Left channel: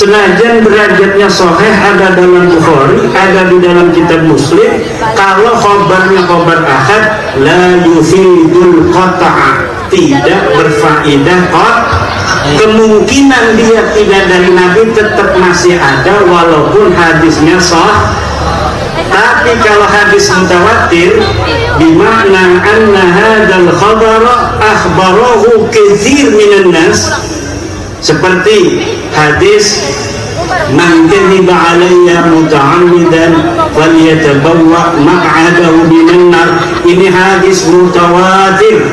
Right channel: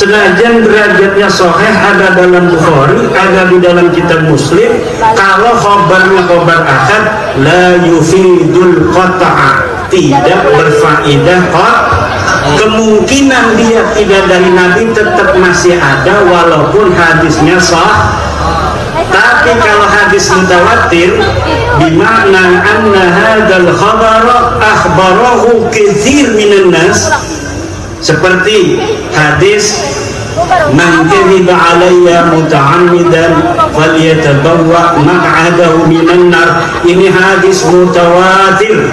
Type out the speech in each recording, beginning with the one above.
Senajan derajatnya sahih, ada dalam Bukhari, ada di dalam kitab Muslim, kalau khobarnya khobar ahad, la yufidul qata'a, tidak berfaedah kemungkinan dia tidak dari Nabi tetap masih ada walaupun hadisnya sah. Tapi kalau hadis mutawatir, bimakna anna hadzal khabar akhbarahu katsir minan nas, seperti hadis man kadhiba alayya muta'ammidan falyatabawwa maq'adahu minan nar. Ini hadis mutawatir,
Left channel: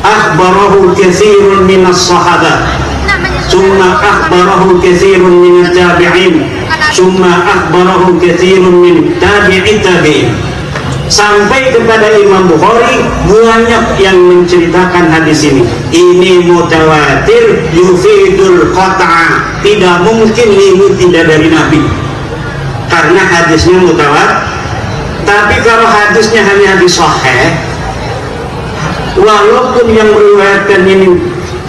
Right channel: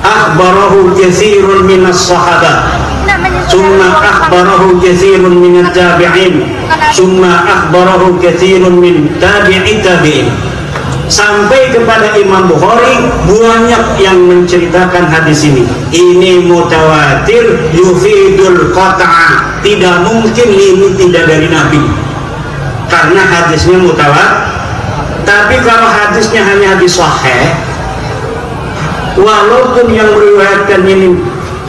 akhbarahu katsirun minas sahabah, thumma akhbarahu katsirun minat tabi'in, thumma akhbarahu katsirun min tabi'i tabi'in, sampai kepada Imam Bukhari banyak yang menceritakan hadis ini. Ini mutawatir yufidul qat'a, tidak mungkin ini tidak dari Nabi karena hadisnya mutawatir. Tapi kalau hadisnya hanya hadis sahih, walaupun yang meriwayatkan ini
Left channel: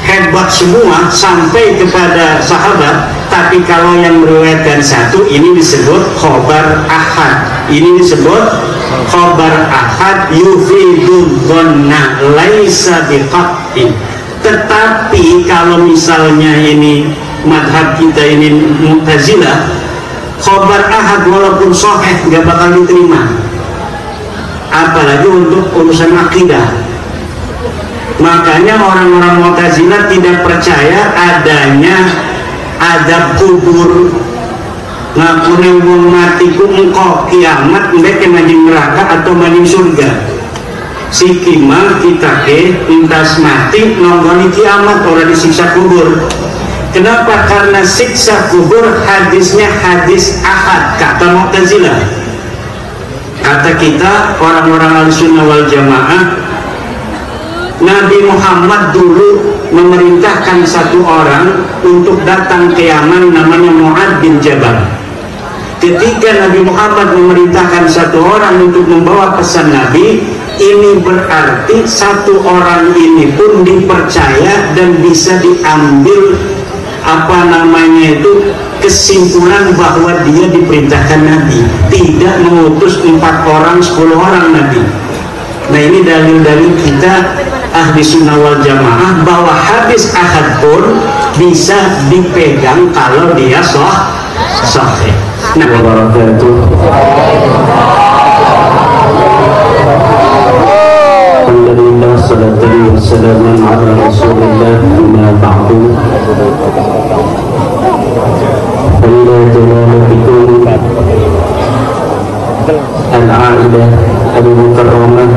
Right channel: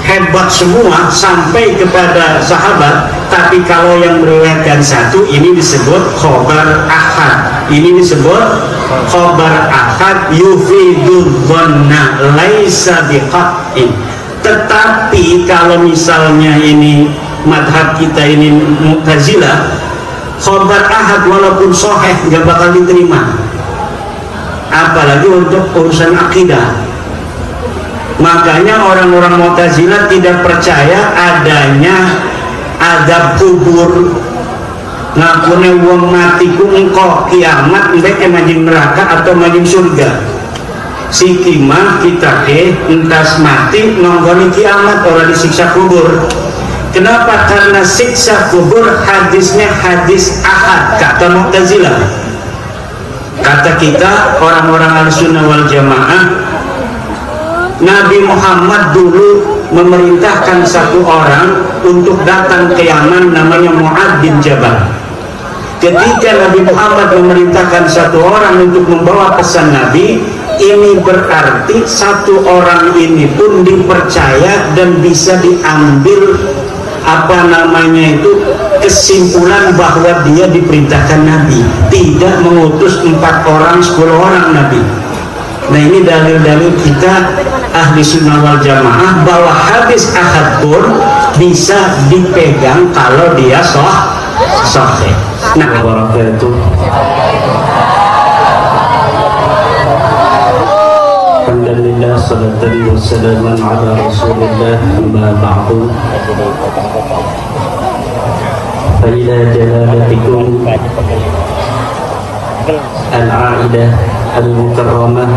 hebat semua sampai kepada sahabat, tapi kalau yang meriwayatkan satu, ini disebut khobar ahad. Ini disebut khobar ahad yufidul dhanna laisa biqat'in. Tetapi kalau misalnya ini madhab kita ini Mu'tazilah, khobar ahad walaupun sahih tidak bakal diterima, apalagi untuk urusan akidah. Makanya orang-orang Mu'tazilah tidak percaya adanya azab kubur. Ngakune wong mati ku engko kiamat ndek nang neraka atau maning surga. Sikima kita ke entas mati nonggoni kiamat ora disiksa kubur. Kenapa? Karena siksa kubur hadisnya hadis ahad kata Mu'tazilah. Kata kita orang-orang Ahlussunnah wal Jamaah, Nabi Muhammad dulu memerintahkan satu orang untuk datang ke Yaman namanya Mu'ad bin Jabal. Ketika Nabi Muhammad memerintahkan satu orang untuk membawa pesan Nabi, ini berarti satu orang ini pun dipercaya dan bisa diambil kesimpulan bahwa dia diperintahkan Nabi, tidak mengutus 4 orang 10 orang Nabi. Nah, ini dalil-dalil kita ahli sunnah wal jamaah bahwa hadis ahad pun bisa dipegang kalau dia sahih. Nah, wabarakatuh. Alhamdulillah, salatu wassalamu ala Rasulillah, amma ba'du. Ila jalalabikum al-a'idah al-mukarramah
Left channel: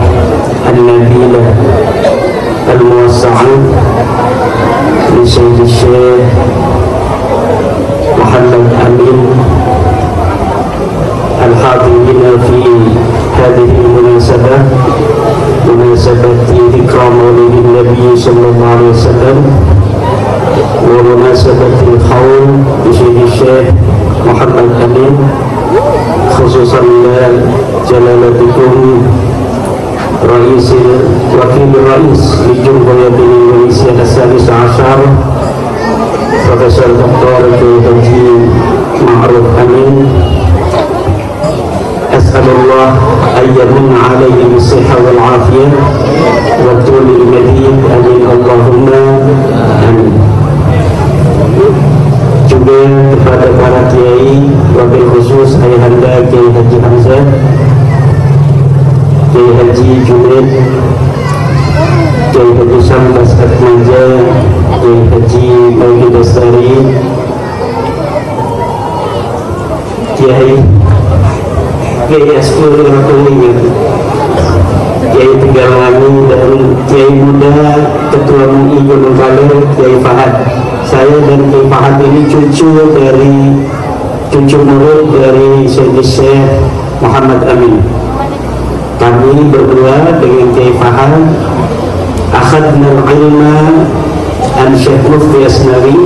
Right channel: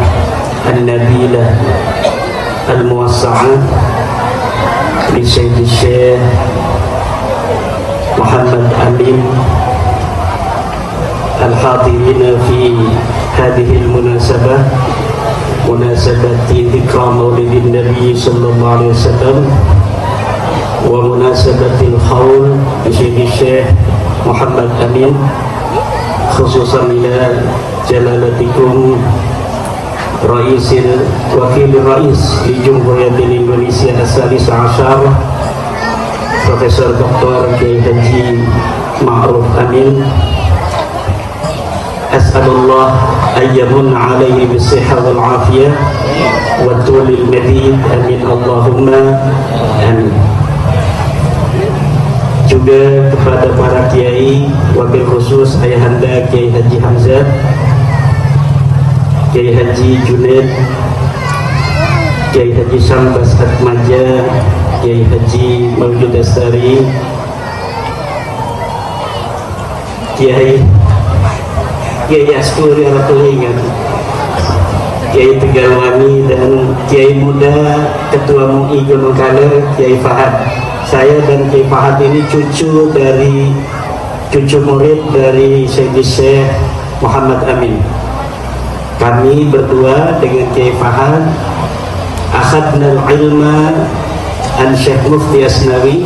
al-nabilah al-muwassa'ah li Sayyid Syekh Muhammad Amin al-hadirina fi hadhihi al-munasabah, munasabati dhikra maulidin Nabi sallallahu alaihi wasallam wa munasabati al-khawl li Sayyid Syekh Muhammad Amin, khususan jalalabikum wakil rais di Jumhuriyat Indonesia As-Sadis Ashar, Profesor Dr. Haji Ma'ruf Amin. As'alullah ayyamin alaihi bisihha wal afiyah wa tulil madid, amin Allahumma amin. Juga kepada para kiai, wabil khusus Ayahanda Kiai Haji Hamzah, Kiai Haji Junaid, Kiai Haji Syambas Atmaja, Kiai Haji Maulid Asari, Kiai Askul Ratulingan, Kiai Tegal Ngami, dan Kiai Muda Ketua MUI Gunung Kaler, Kiai Fahad. Saya dan Kiai Fahad ini cucu murid dari Syekh Muhammad Amin. Kami berdua dengan Kiai Fahad akhadna al-ilma an Syekh Mufti Asnari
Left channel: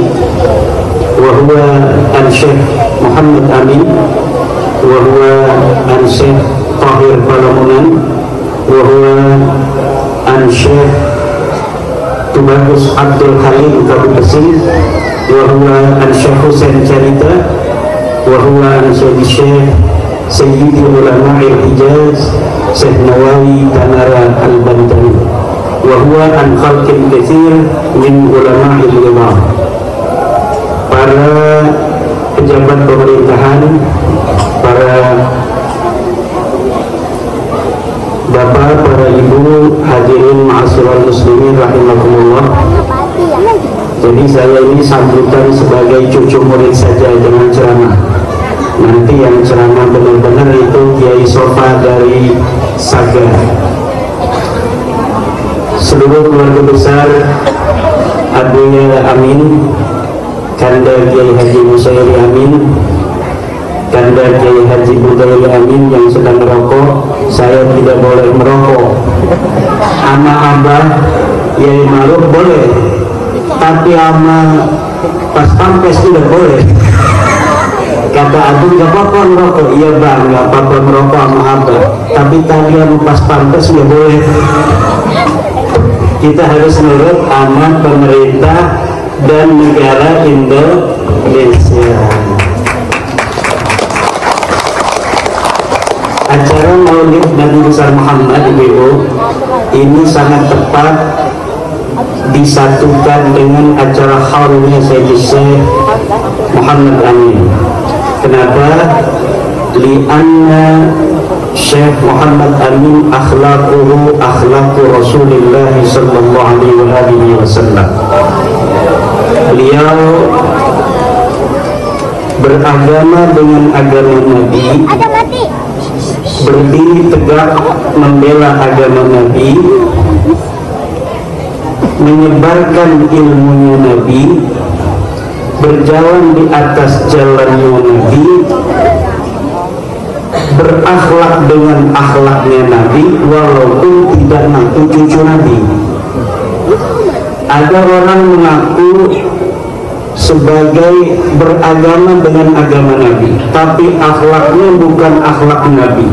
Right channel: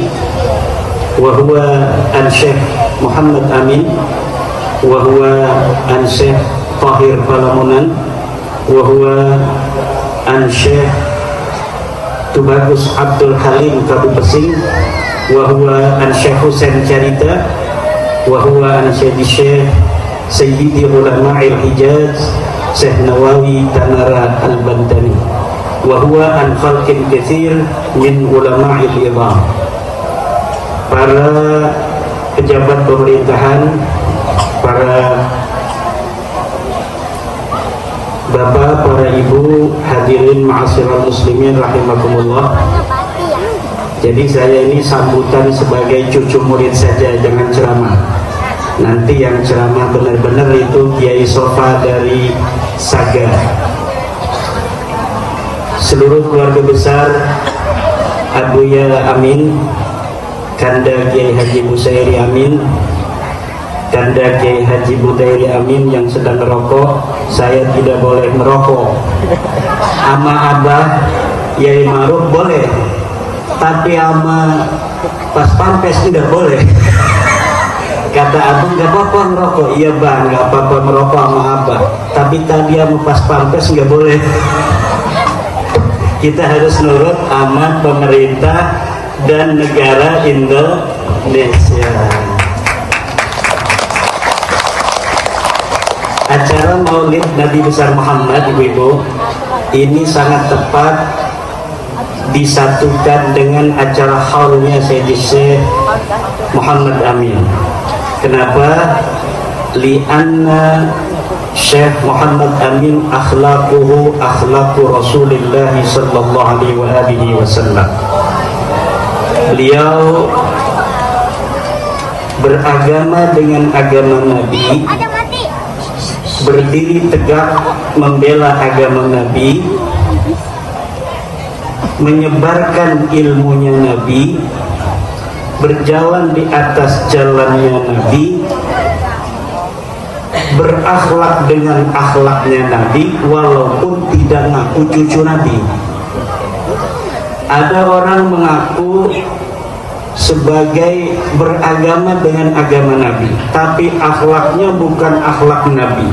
wa huwa an Syekh Muhammad Amin wa huwa an Syekh Tahir Balamunan wa huwa an Syekh Tubagus Abdul Halim Kadu Besin, wahwa Syekh Husain Carita, wahwa Sayyidi Ulama Al-Hijaz Syekh Nawawi Tanara Al-Bantani, wahwa an khalqin katsir min ulama al-Iran. Para pejabat pemerintahan, para bapak, para ibu, hadirin ma'asyiral muslimin rahimakumullah. Jadi saya ini sambutan sebagai cucu murid saja dengan ceramah. Nanti yang ceramah benar-benar itu Kiai Sofa dari Sagar. Seluruh keluarga besar Abuya Amin, Kanda Kiai Haji Musairi Amin, Kanda Kiai Haji Mudairi Amin yang sedang merokok, saya tidak boleh merokok. Ama Abah Yai Maruf boleh, tapi ama pas pampes tidak boleh. Kata aku nggak apa-apa merokok. Iya bang, nggak apa-apa merokok sama Abah, tapi talian pas pampes nggak boleh. Kita harus nurut amat pemerintah dan negara Indonesia. Acara Maulid Nabi besar Muhammad Ibu ini sangat tepat disatukan dengan acara haulnya Sayyidi Syekh Muhammad Amin. Kenapa? Lianna Syekh Muhammad Amin akhlaquhu akhlaqu Rasulullah sallallahu alaihi wasallam. Beliau beragama dengan agama Nabi, berdiri tegak membela agama Nabi, menyebarkan ilmunya Nabi, berjalan di atas jalannya Nabi, berakhlak dengan akhlaknya Nabi, walaupun tidak mengaku cucu Nabi. Ada orang mengaku sebagai beragama dengan agama Nabi, tapi akhlaknya bukan akhlak Nabi.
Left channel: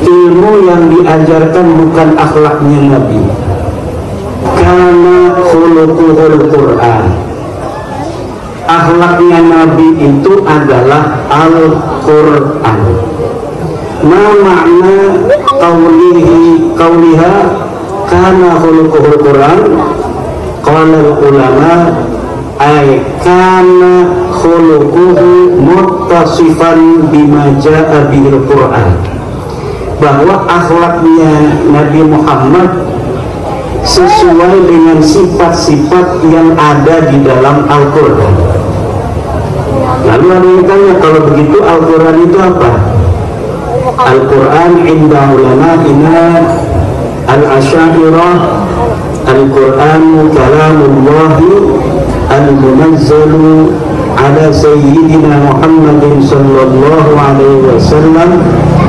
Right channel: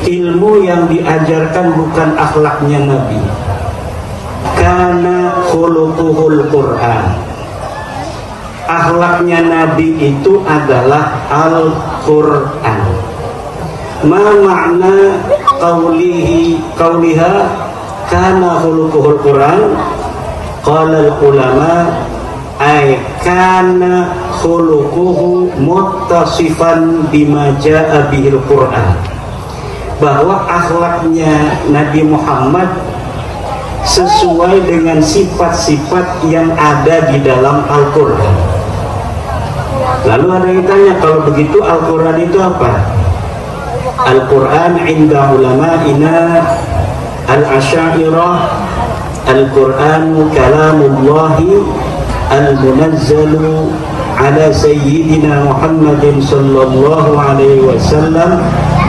Ilmu yang diajarkan bukan akhlaknya Nabi. Karena khuluquhul Quran. Akhlaknya Nabi itu adalah Al-Quran. Ma makna qawliha kana khuluquhul Quran? Qala ulama ay kana khuluquhu muttasifan bima jaa bihil Quran. Bahwa akhlaknya Nabi Muhammad sesuai dengan sifat-sifat yang ada di dalam Al-Quran. Lalu ada yang tanya, kalau begitu Al-Quran itu apa? Al-Quran inda ulama'ina al-asyairah, Al-Quran kalamullahi al-munazzalu ala sayyidina Muhammadin sallallahu alaihi wasallam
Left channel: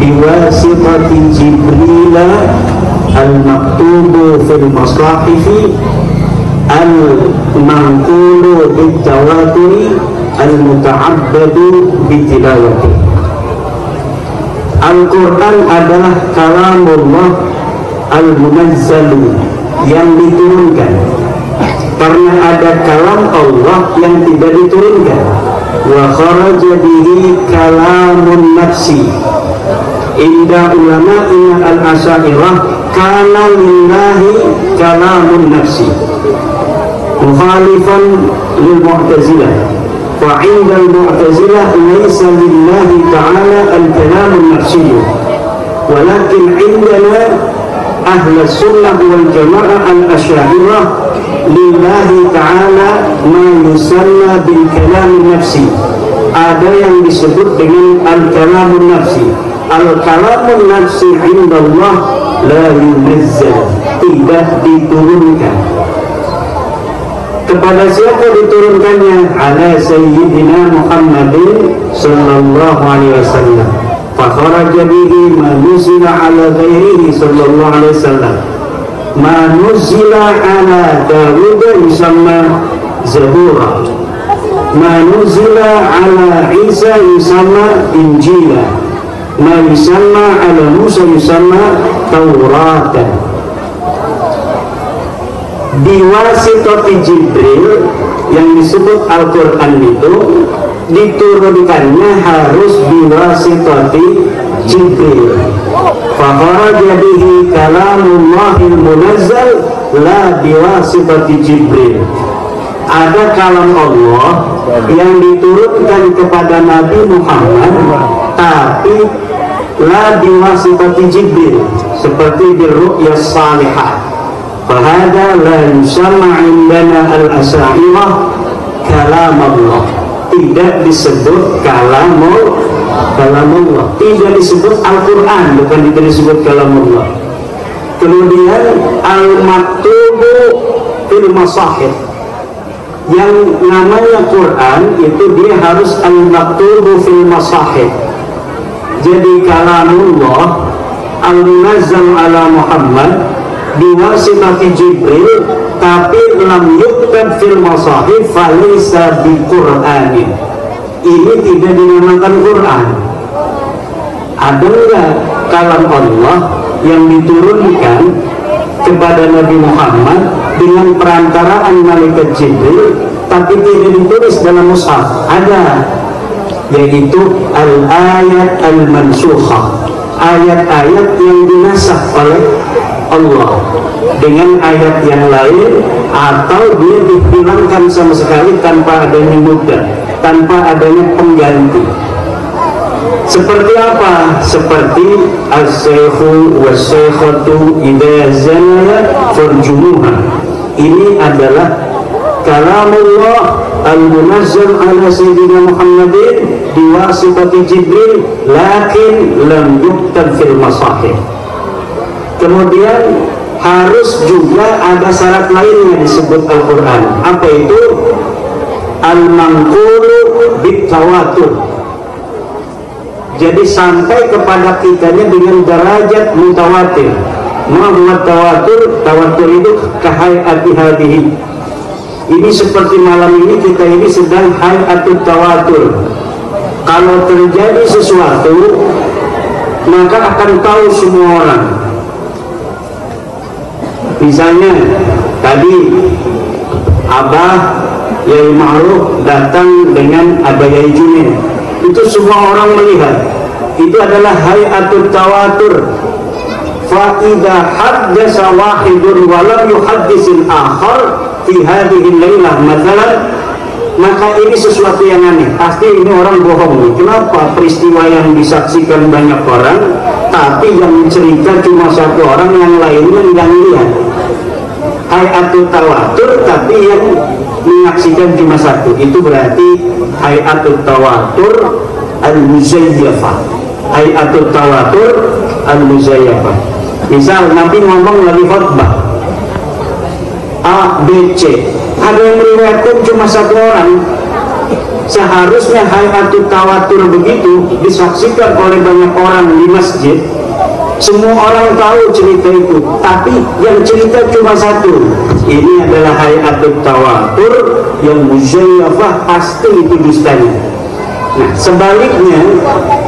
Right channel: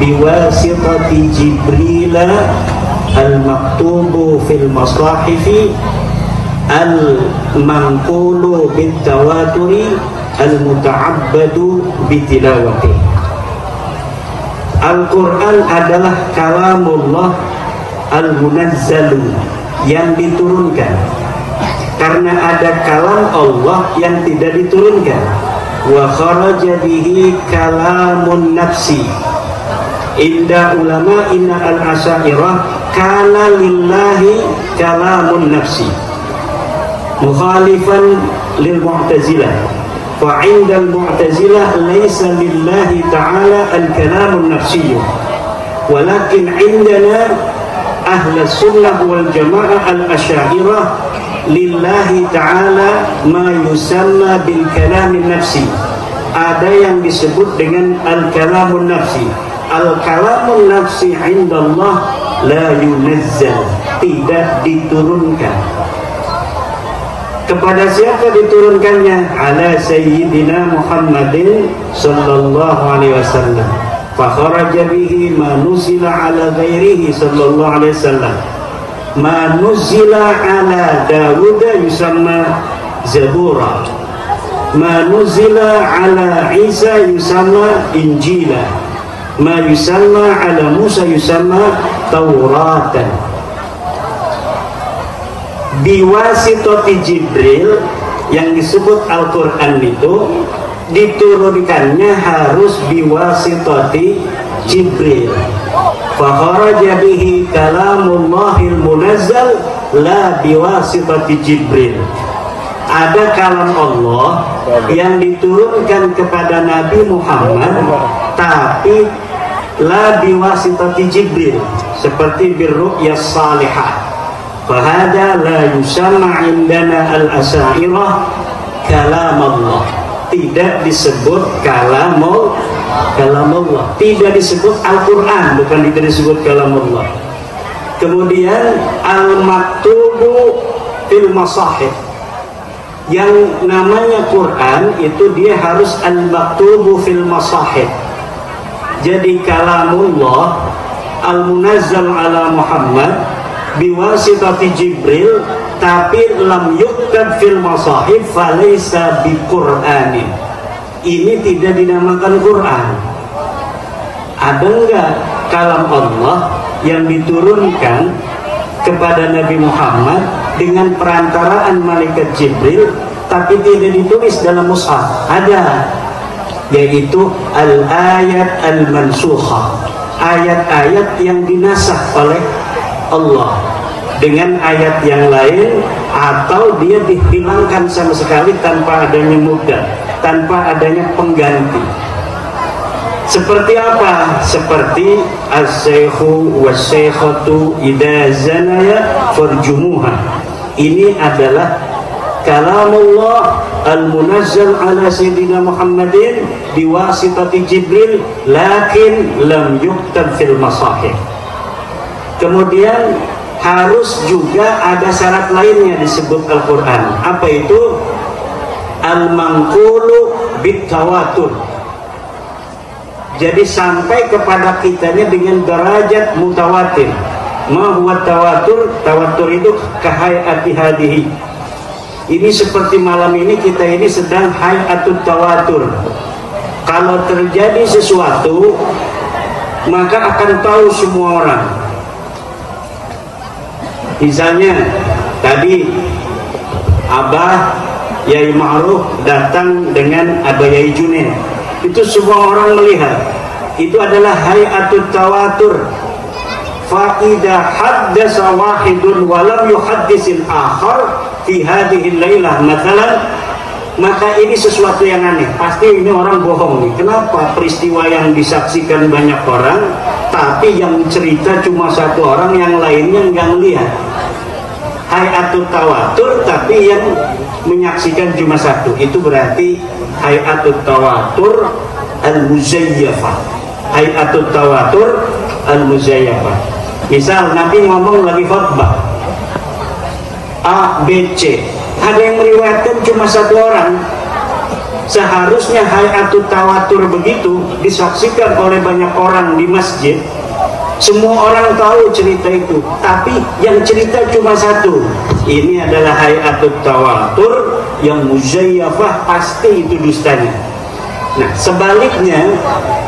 biwasitati Jibril al-maktubu fil masahifi al-manqulu bit-tawaturi al-muta'abbadu bitilawati. Al-Quran adalah kalamullah al-munazzalu, yang diturunkan. Karena ada kalam Allah yang tidak diturunkan. Wa kharaja bihi kalamun nafsi. Inda ulama'ina al-asyairah kana lillahi kalamun nafsi mukhalifan lil mu'tazilah, wa 'inda al-mu'tazilah laysa lillahi ta'ala al-kalamun nafsi, walakin 'indana ahli sunnah wal jamaah al-asyairah lillahi ta'ala ma yusanna bil kalamun nafsi. Ada yang disebut dengan al-kalamun nafsi. Al-kalamun nafsi indallah la yunazzal, tidak diturunkan. Kepada siapa diturunkannya? Ala sayyidina Muhammadin sallallahu alaihi wasallam. Fa kharaja bihi ma nuzila ala ghairihi sallallahu alaihi wasallam. Ma nuzila ala Dawud yusamma Zabura. Ma nuzila ala Isa yusamma Injila. Ma yusamma ala Musa yusamma Tauratan. biwasitati Jibril yang disebut Al-Quran itu diturunkannya harus biwasitati Jibril. Fakharaja bihi kalamullahil munazzal la biwasitati Jibril. Ada kalam Allah yang diturunkan kepada Nabi Muhammad tapi la biwasitati Jibril, seperti birru'ya salihah. Fahada la yusamma indana al-asairah kalam Allah. Tidak disebut kalamullah, tidak disebut Al-Quran, bukan tidak disebut kalamullah. Kemudian al-maktubu fil masahif, yang namanya Quran itu dia harus al-maktubu fil masahif. Jadi kalamullah al-munazzal ala Muhammad biwasitati Jibril, tapi lam yuktab fil masahif falisa bi Qur'anin. Ini tidak dinamakan Quran. Ada enggak kalam Allah yang diturunkan kepada Nabi Muhammad dengan perantaraan malaikat Jibril tapi tidak ditulis dalam mushaf? Ada, yaitu al-ayat al-mansukha, ayat-ayat yang dinasakh oleh Allah dengan ayat yang lain, atau dia dihilangkan sama sekali tanpa adanya mubdal, tanpa adanya pengganti. Seperti apa? Seperti as-saykhu was-saykhatu idza zanaya farjumuha. Ini adalah kalamullah al-munazzal ala sayyidina Muhammadin biwasitati Jibril, lakin lam yuktab fil masahif. Kemudian harus juga ada syarat lainnya disebut Al-Quran. Apa itu? Al-manqulu bitawatur. Jadi sampai kepada kitanya dengan derajat mutawatir. Menurut tawatur itu kahayati hadihi. Ini seperti malam ini kita ini sedang hayatut tawatur. Kalau terjadi sesuatu maka akan tahu semua orang. Misalnya tadi Abah Yai Ma'ruf datang dengan Abah Yai Junaid, itu semua orang melihat. Itu adalah hayatut tawatur. Fa idza haddasa wahidun wa lam yuhaddisil akhar fi hadhihi al-lailah mathalan, maka ini sesuatu yang aneh. Pasti ini orang bohong. Kenapa? Peristiwa yang disaksikan banyak orang, tapi yang cerita cuma satu orang, yang lainnya yang lihat. Hayatut tawatur, tapi yang menyaksikan cuma satu. Itu berarti hayatut tawatur al-muzayyafah. Hayatut tawatur al-muzayyafah. Misal Nabi ngomong lagi khutbah A, B, C, ada yang meriwayatkan cuma satu orang. Seharusnya hayatut tawatur begitu disaksikan oleh banyak orang di masjid. Semua orang tahu cerita itu, tapi yang cerita cuma satu. Ini adalah hayatut tawatur yang muzayyafah, pasti itu dustanya. Nah, sebaliknya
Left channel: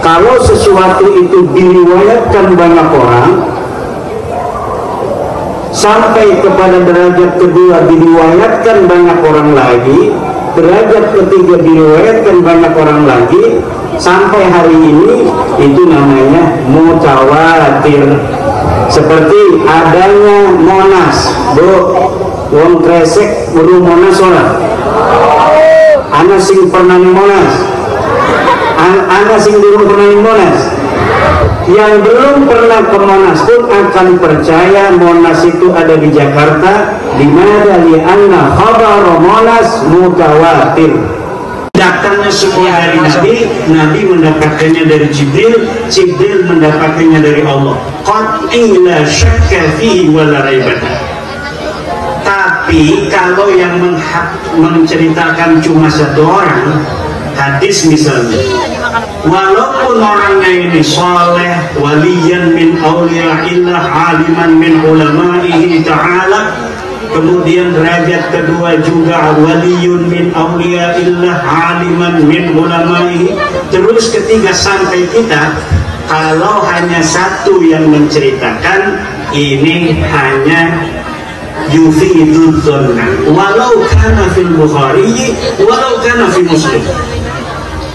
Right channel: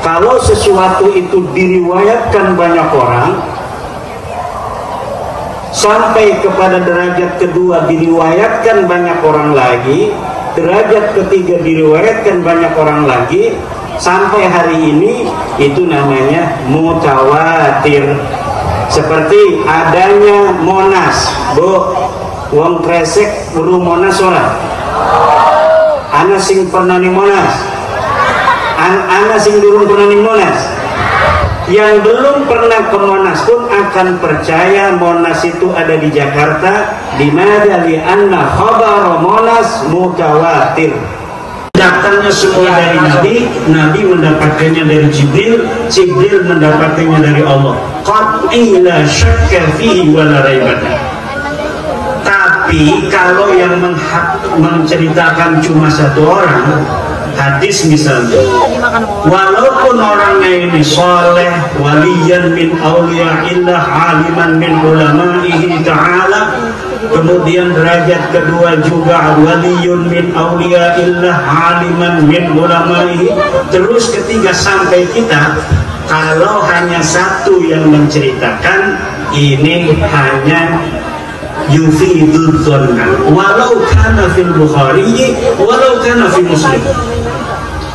kalau sesuatu itu diriwayatkan banyak orang sampai kepada derajat kedua diriwayatkan banyak orang lagi, derajat ketiga diriwayatkan banyak orang lagi, sampai hari ini itu namanya mutawatir. Seperti adanya Monas, wong kresek baru Monas orang. Ana sing pernah di Monas, ana sing belum pernah di Monas. Yang belum pernah ke Monas pun akan percaya Monas itu ada di Jakarta. Dimana li'anna khabar Monas mutawatir. Datangnya semua dari Nabi, Nabi mendapatkannya dari Jibril, Jibril mendapatkannya dari Allah. Qat'in la syakka fihi wa la raiba. Tapi kalau yang menceritakan cuma satu orang, hadis misalnya, walaupun orangnya ini soleh, waliyan min awliya'illah, aliman min ulama'ihi ta'ala, kemudian derajat kedua juga waliyun min awliya'illah, aliman min ulama'ihi, terus ketiga sampai kita, kalau hanya satu yang menceritakan, ini hanya yufidul dhanna walau kana fil Bukhari walau kana fi Muslim.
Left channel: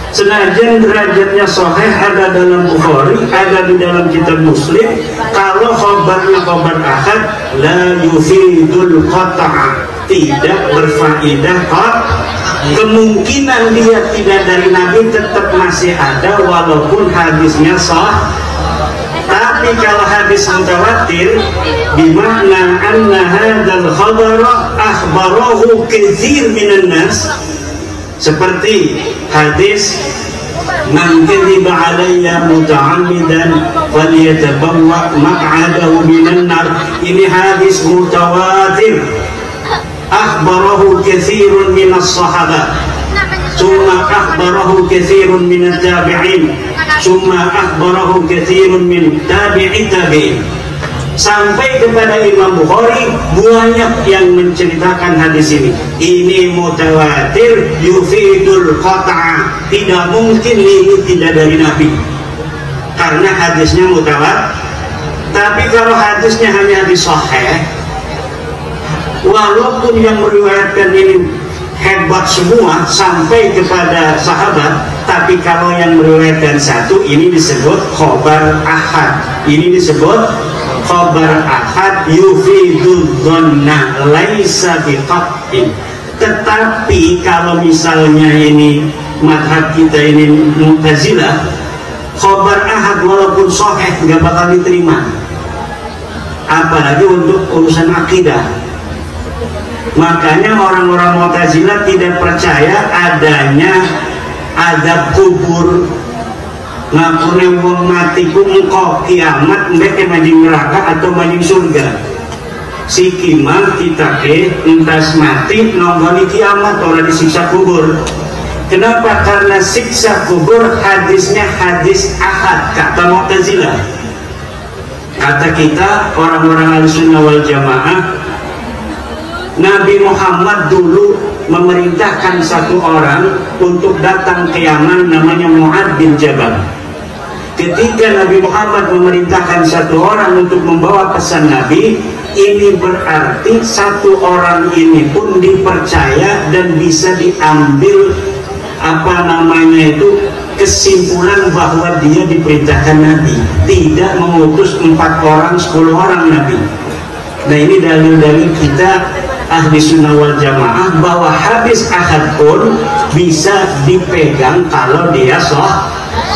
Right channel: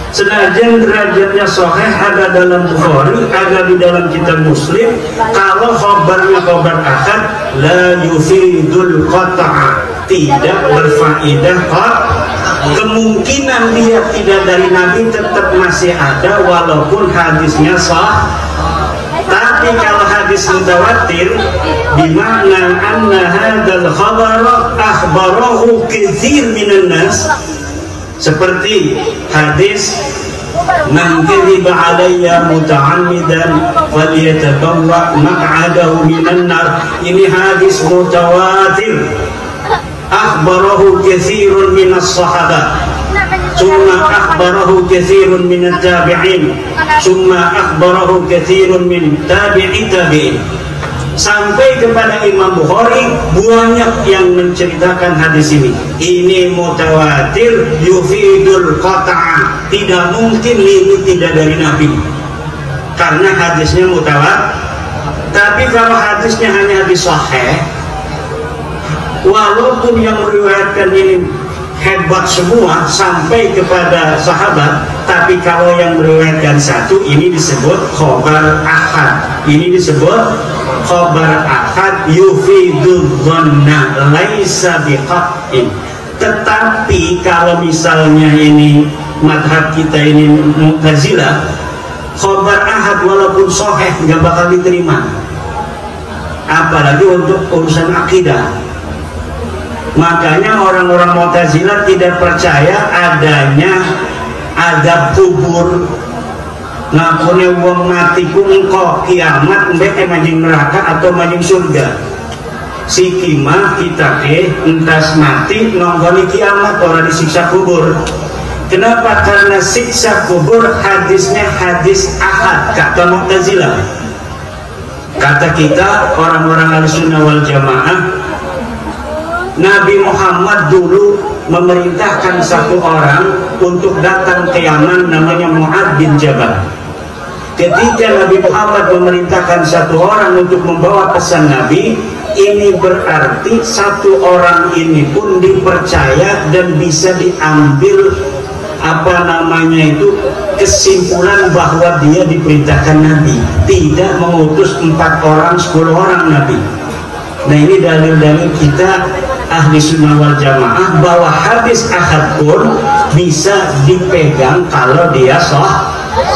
Senajan derajatnya sahih ada dalam Bukhari, ada di dalam kitab Muslim, kalau khabarnya khabar ahad la yufidul qata'a, tidak berfaedah kemungkinan dia tidak dari Nabi tetap masih ada walaupun hadisnya sah. Tapi kalau hadis mutawatir bimakna anna hadzal khabar akhbarahu katsir minan nas, seperti hadis man kadhiba alayya muta'ammidan falyatabawwa maq'adahu minan nar. Ini hadis mutawatir akhbarahu katsirun minas sahabah, thumma akhbarahu katsirun minat tabi'in, thumma akhbarahu katsirun min tabi'i tabi'in, sampai kepada Imam Bukhari banyak yang menceritakan hadis ini. Ini mutawatir yufidul qata'a, tidak mungkin ini tidak dari Nabi karena hadisnya mutawatir. Tapi kalau hadisnya hanya hadis sahih, walaupun yang meriwayatkan ini hebat semua sampai kepada sahabat, tapi kalau yang meriwayatkan satu, ini disebut khabar ahad. Ini disebut khabar ahad yufidul dhanna laisa bihaqqin. Tetapi kalau misalnya ini madhab kita ini Mu'tazilah, khabar ahad walaupun sahih tidak bakal diterima, apalagi untuk urusan akidah. Makanya orang-orang Mu'tazilah tidak percaya adanya azab kubur, ngakune wong mati ku engko kiamat mereka manjing neraka atau manjing surga. Sikima kita ke entas mati nonggoni kiamat orang disiksa kubur. Kenapa? Karena siksa kubur hadisnya hadis ahad kata Mu'tazilah. Kata kita orang-orang Ahlussunnah wal Jamaah, Nabi Muhammad dulu memerintahkan satu orang untuk datang ke Yaman namanya Mu'ad bin Jabal. Ketika Nabi Muhammad memerintahkan satu orang untuk membawa pesan Nabi, ini berarti satu orang ini pun dipercaya dan bisa diambil kesimpulan bahwa dia diperintahkan Nabi, tidak mengutus 4 orang 10 orang Nabi. Nah ini dalil-dalil kita Ahli Sunnah wal Jamaah bahwa hadis ahad pun bisa dipegang kalau dia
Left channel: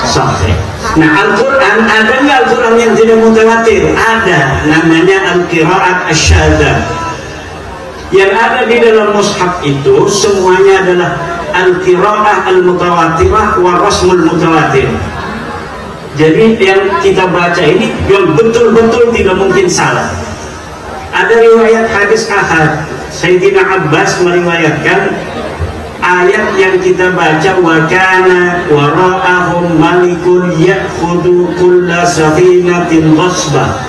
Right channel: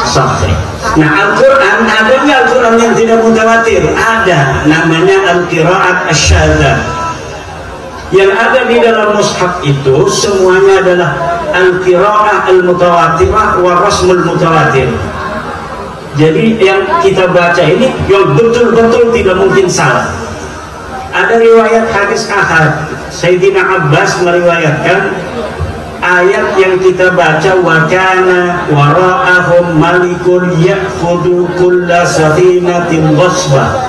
sahih. Nah Al-Quran, adanya Al-Quran yang tidak mutawatir, ada namanya Al-Qira'at Asyadzah. Yang ada di dalam mushaf itu semuanya adalah Al-Qira'ah Al-Mutawatirah wa Rasmul Mutawatir. Jadi yang kita baca ini yang betul-betul tidak mungkin salah. Ada riwayat hadis ahad, Sayyidina Abbas meriwayatkan ayat yang kita baca, wa kana wara'ahum malikun ya'khudhu kulla safinatin ghasbah.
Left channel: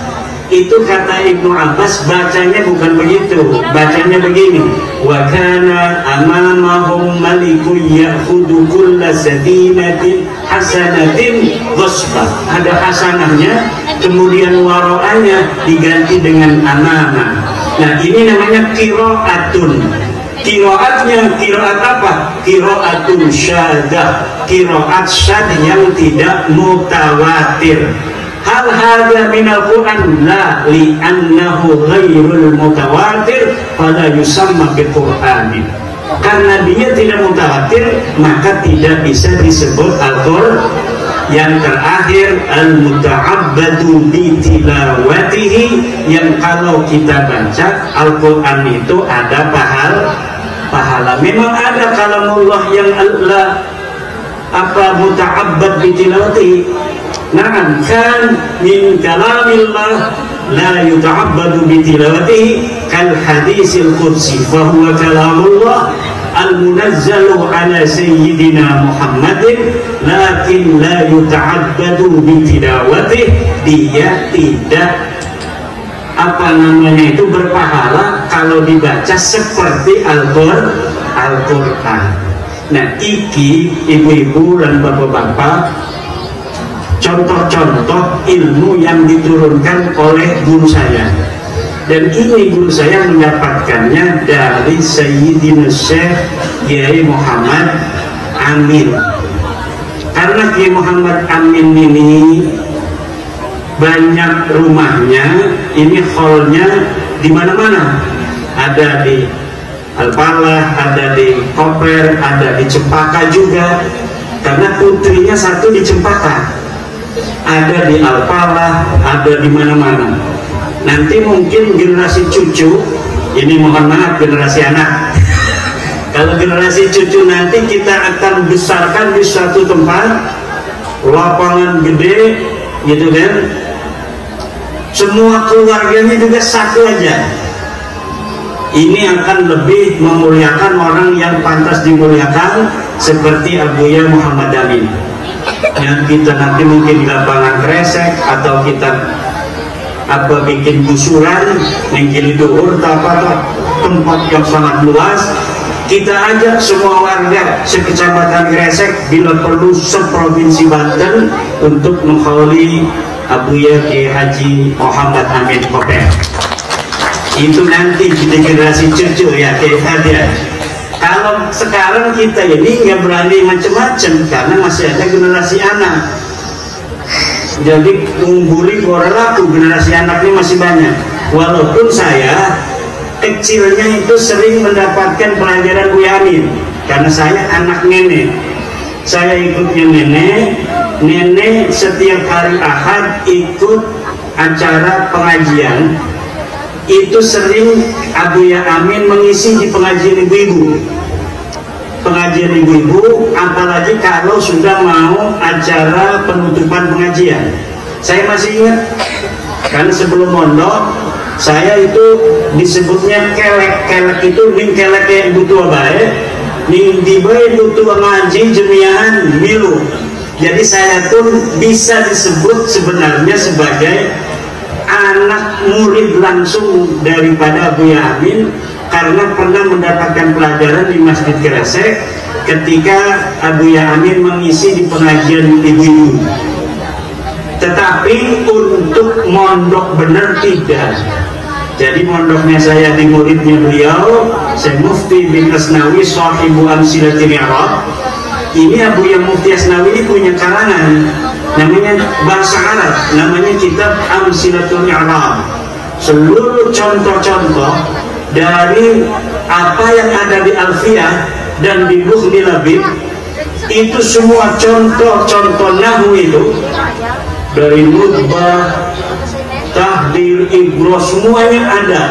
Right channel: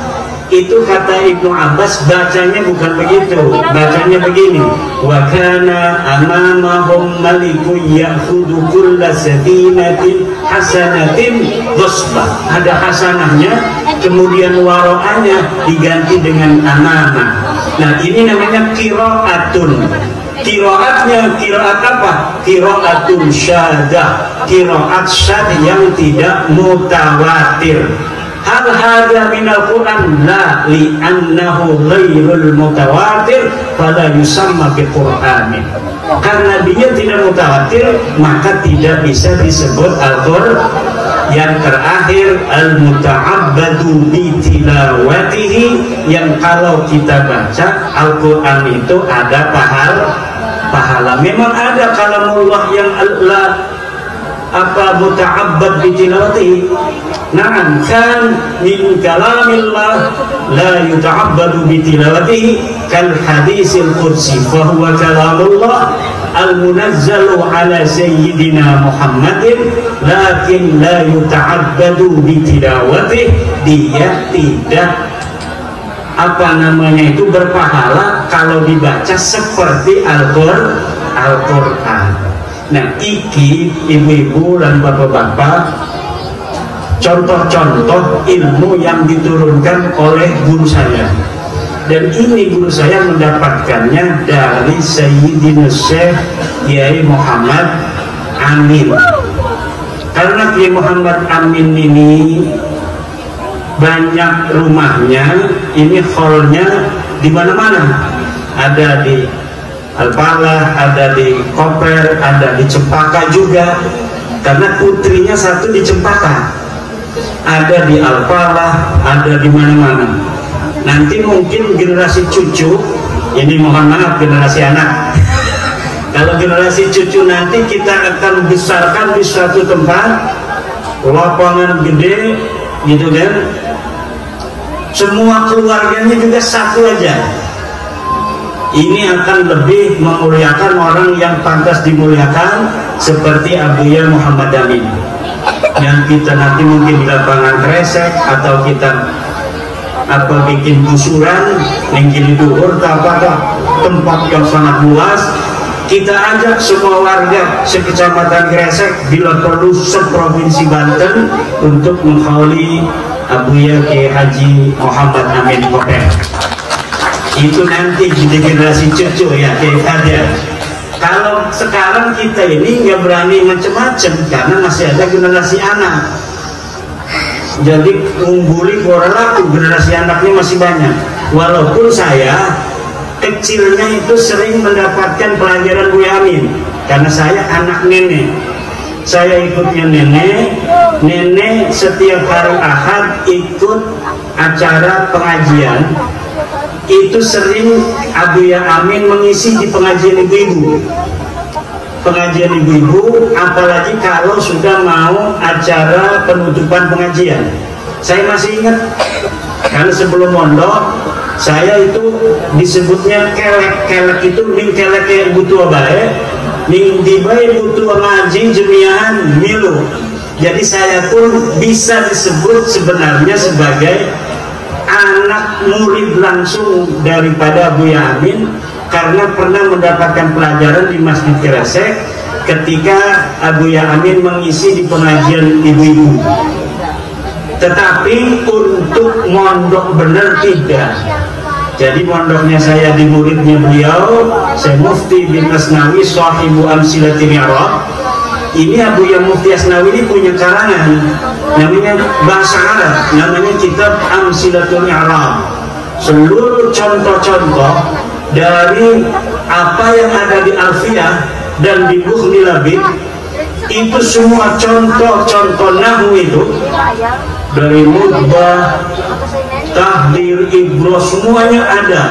Itu kata Ibnu Abbas bacanya bukan begitu, bacanya begini, wa kana amamahum malikun ya'khudhu kulla safinatin hasanatin ghasbah. Ada hasanahnya, kemudian wara'anya diganti dengan amanah. Nah ini namanya qira'atun. Qira'atnya qira'at apa? Qira'atun syaddah, qira'at syad yang tidak mutawatir. Hal hadza minal Qur'an la li'annahu ghairul mutawatir fala yusamma bi Qur'anin. Karena dia tidak mutawatir maka tidak bisa disebut Al-Qur'an. Yang terakhir al-muta'abbadu bi tilawatihi, yang kalau kita baca Al-Qur'an itu ada pahala. Memang ada kalamullah yang Allah muta'abbad bi tilawatihi. Nah, kan min kalamillah la yuta'abbadu bi tilawatihi kal hadisil qudsi fa huwa kalamullah al-munazzalu ala sayyidina Muhammadin lakin la yuta'abbadu bi tilawatihi. Dia tidak berpahala kalau dibaca seperti Al-Qur'an. Nah, iki ibu-ibu dan bapak-bapak, contoh-contoh ilmu yang diturunkan oleh guru saya. Dan ini guru saya mendapatkannya dari Sayyidina Syekh Kiai Muhammad Amin. Karena Kiai Muhammad Amin ini banyak rumahnya, ini hallnya di mana-mana. Ada di Al-Falah, ada di Koper, ada di Cempaka juga. Karena putrinya satu di Cempaka, ada di Al-Falah, ada di mana-mana. Nanti mungkin generasi cucu, ini mohon maaf generasi anak. Kalau generasi cucu nanti kita akan besarkan di suatu tempat, lapangan gede, gitu kan? Semua keluarganya juga satu aja. Ini akan lebih memuliakan orang yang pantas dimuliakan, seperti Abuya Muhammad Amin. Yang kita nanti mungkin lapangan kresek atau kita bikin gusuran, mungkin itu tempat yang sangat luas. Kita ajak semua warga sekecamatan Gresik, bila perlu seprovinsi Banten, untuk menghauli Abuya Kiai Haji Muhammad Amin Koper. Itu nanti di generasi cucu ya, kayak tadi. Kalau sekarang kita ini nggak berani macam-macam karena masih ada generasi anak. Jadi ungguli orang laku, generasi anaknya masih banyak. Walaupun saya kecilnya itu sering mendapatkan pelajaran Buya Amin, karena saya anak nenek. Saya ikutnya nenek setiap hari Ahad ikut acara pengajian. Itu sering Abuya Amin mengisi di pengajian ibu-ibu. Pengajian ibu-ibu, apalagi kalau sudah mau acara penutupan pengajian. Saya masih ingat, karena sebelum mondok, saya itu disebutnya kelek itu ning kelek kayak butuh baik, ning dibae butuh ngaji jemiahan milu. Jadi saya pun bisa disebut sebenarnya sebagai anak murid langsung daripada Buya Amin, karena pernah mendapatkan pelajaran di Masjid Gresik ketika Abuya Amin mengisi di pengajian ibu-ibu. Tetapi untuk mondok benar tidak. Jadi mondoknya saya di muridnya beliau, Syekh Mufti bin Asnawi Sahibu Amsilatil I'rab. Ini Abuya Mufti Asnawi ini punya karangan, namanya bahasa Arab, namanya kitab Amsilatul I'rab. Seluruh contoh-contoh dari apa yang ada di Alfiyah dan di Bukhli Labib, itu semua contoh-contoh nahwu itu, dari mudbah, tahdir, ibro, semuanya ada.